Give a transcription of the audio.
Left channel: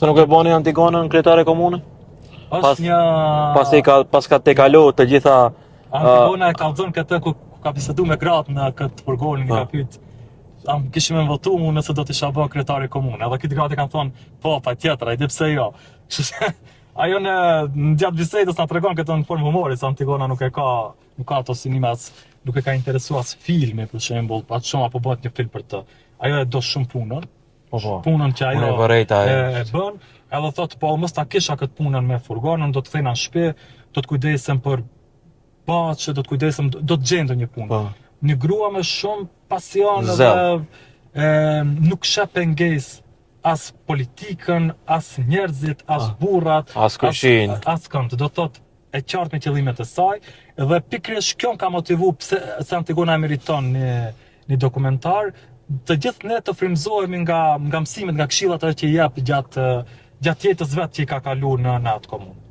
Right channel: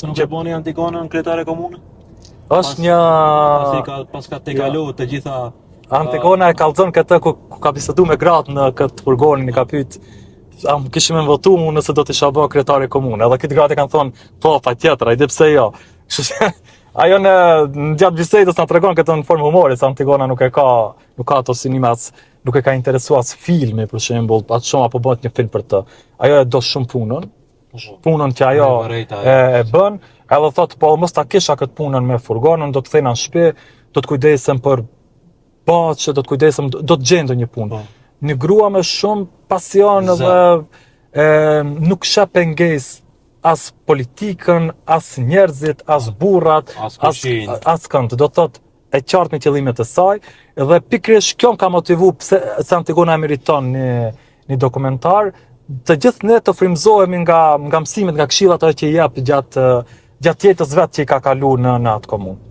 Se nuk e bani Antigonën kryetare komune? Është një Pas ka te kalu të gjitha Antigona e kallzon këtë ku ka bisedu me gratë në këtë furgonin, i ka pyet kishim me votu mu nëse do të isha bë kryetare komune. Edhe këtë gratë kanë thonë, po, patjetër, ai di pse jo. Kështu që ajo në gjatë bisedës na tregon këtë në formë humore, se Antigona nuk ka ato sinema, nuk e ka interesuar as filmi për shembull, atë shumë apo bëhet një film për të. Ajo e do shumë punën. Punën që ajo e bën, edhe thotë po mos ta kisha këtë punën me furgonën, do të kthena në shtëpi, do të kujdesem për paqe, do të kujdesem, do të gjej ndonjë punë. Një grua me shumë pasion dhe nuk sheh pengesë as politikën, as njerëzit, as burrat, as kënd. Do thotë e qartë me qëllimet e saj, dhe pikërisht kjo më ka motivuar pse Antigona e meriton një dokumentar. Të gjithë ne të frymëzohemi nga mësimet, nga këshillat që i jep gjatë jetës vet që i ka kaluar në atë komunë.